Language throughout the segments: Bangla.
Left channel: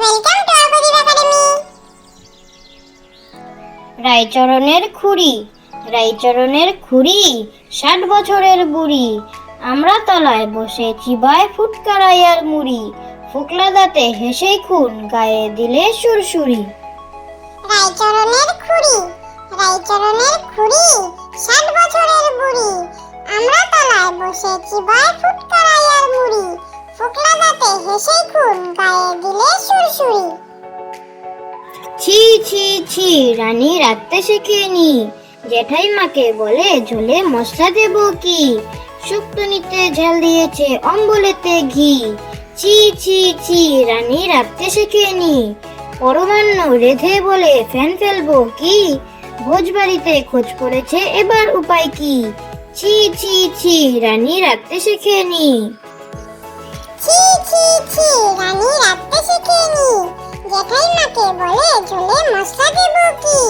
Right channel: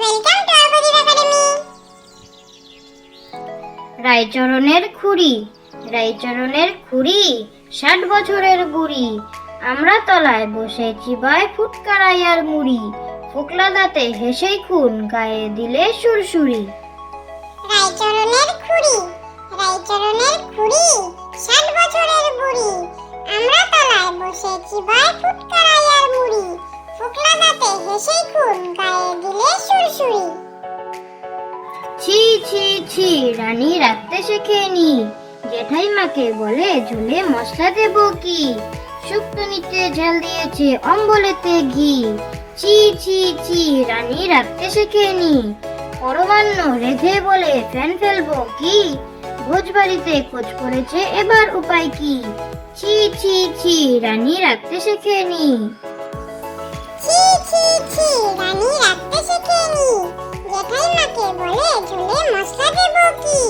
ওয়েলকাম টু আবুদির একাডেমি রায়চরণের খুড়ি রায়চরণের খুড়ি ষাট বছরের বুড়ি। আমরা তলায় বসে চিবায় ফুটকারাইয়ার মুড়ি। ফুকলা দাঁতে হেসেই খুন গায়ে দিলে সুরসুরি। রায়চরণের খুড়ি রায়চরণের খুড়ি ষাট বছরের বুড়ি। আমরা তলায় বসে চিবায় ফুটকারাইয়ার মুড়ি। ফোকলা দাঁতে হেসেই খুন গায়ে দিলে সুরসুরি। ছি রানী রাখতে শেখেনি জেঠাই মাকে বলে, ঝোলে মশলা দেব কি? শুক্তো নিতে ঝাল দিয়েছে অম্বলেতে ঘি। ছি ছি ছি রানী রাখতে শেখেনি পরমান্ন রেধে বলে, ফ্যান ফেলব কি? ভোজ বাড়িতে খোঁজ করেছে, এবার উপায় কি? ছি ছি ছি রানী রাখতে শেখেনি ছি ছি ছি রানী রাখতে শেখেনি জেঠাই মাকে বলে, ঝোলে মশলা দেব কি?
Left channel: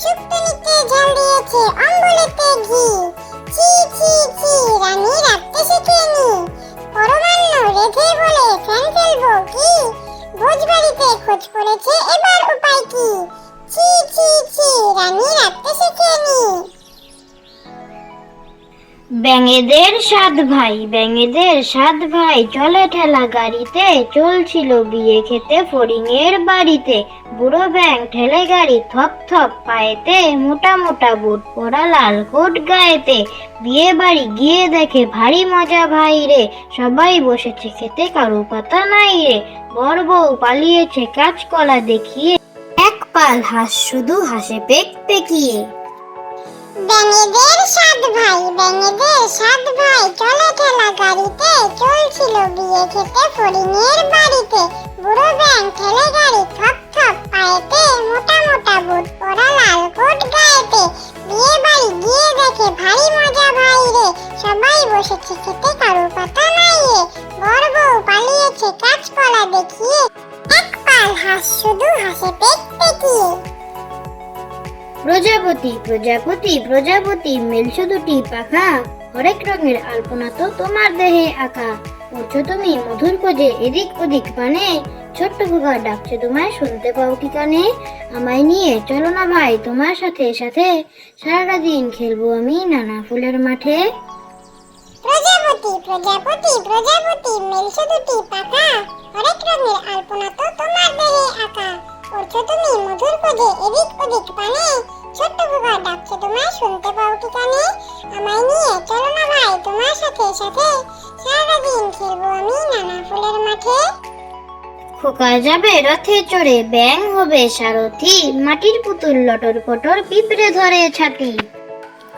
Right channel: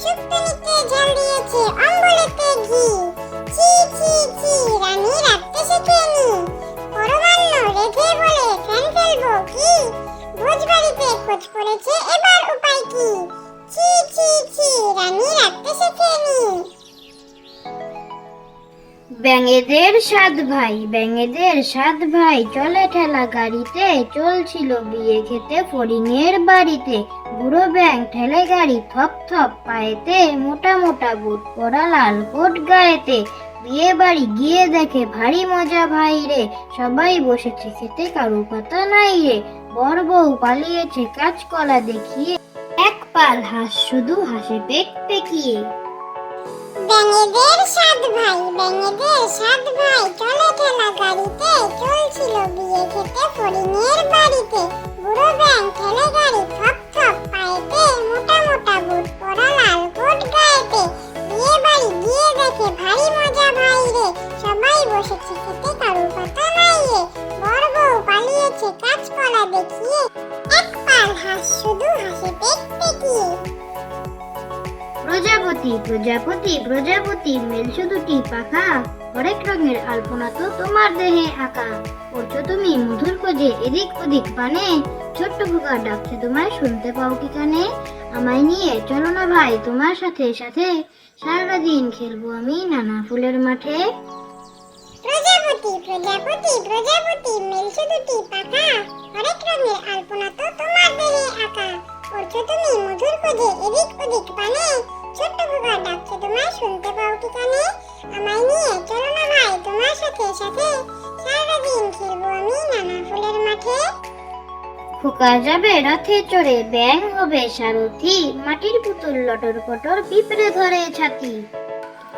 শুক্তো নিতে ঝাল দিয়েছে, অম্বলেতে ঘি। ছি ছি ছি, রানী রাখতে শেখেনি পরমান্ন রেধে বলে, ফ্যান ফেলব কি? ভোজবাড়িতে খোঁজ পড়েছে এবার উপায় কি? ছি ছি ছি, রানী রাখতে শেখেনি ব্যাঙেদের সাত ভাই, ব্যাঙেদের সাত ভাই। চলে ঠেলা গাড়িতে, চলছিল বিয়ে খেতে ফড়িংয়ের বাড়িতে। বুড়ো ব্যাং ঠেলে গাড়ি থপ থপ পায়েতে, মোটা মোটা বুট পরা লাল কোট গায়েতে। বিয়ে বাড়ি গিয়ে দেখে ভারী মজা ভাই রে। সবাই বসেছে খেতে, কারু পাতা নাই রে। বর বউ পালিয়েছে কাঁচকলা দেখিয়ে। এক পাল হাঁস শুধু হাসে পেক পেকিয়ে সাত ভাই ব্যাঙেদের সাত ভাই, চলে ঠেলা গাড়িতে চলছিল বিয়ে খেতে ফড়িংয়ের বাড়িতে। বুড়ো ব্যাং ঠেলে গাড়ি থপ থপ পায়েতে মোটা মোটা বুট পরা লাল কোট গায়েতে। বিয়ে বাড়ি গিয়ে দেখে ভারী মজা ভাই রে, সবাই বসেছে খেতে কারু পাতা নাই রে। বর বউ পালিয়েছে, কাঁচকলা দেখিয়ে এক পাল হাঁস শুধু হাসে পেক পেকিয়ে প্রজাপতি প্রজাপতি প্রজাপতি মেলছো দুটি পাখা। হরেক রঙের আলপনা তো তোমার দেহে আঁকা। উঠছো তুমি মধুর খোঁজে এদিক ওদিক পানে ছোট্ট ভুগা ডাকছে তোমায়, শুনতে পাও কি কানে? আমায় নিয়ে চলো না ভাই, তোমার সাথে সাথে। সারাটা দিন খেলব আমি নানা ফুলের মাঠে। প্রজাপতি প্রজাপতি প্রজাপতি মেলছো দুটি পাখা। হরেক রঙের আলপনা তো তোমার দেহে আঁকা। তুমি মধুর খোঁজে এদিক ওদিক পানে ছোট্ট বুবা ডাকছে তোমায় শুনতে পাও কি কানে আমায় নিয়ে চলো না ভাই তোমার সাথে সাথে সারা দিন খেলব আমি নানা ফুলের মাঠে। খোকা যাবে রথে চড়ে ব্যাং হবে সারথি মাটির পুতুল লটর পটর পিঁপড়ে ধরে ছাতি।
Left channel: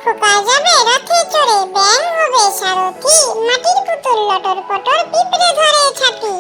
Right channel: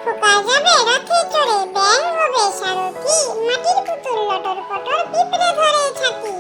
খোকা যাবে রথে চড়ে ব্যাং হবে সারথি মাটির পুতুল লটর পটর পিঁপড়ে ধরে ছাতি।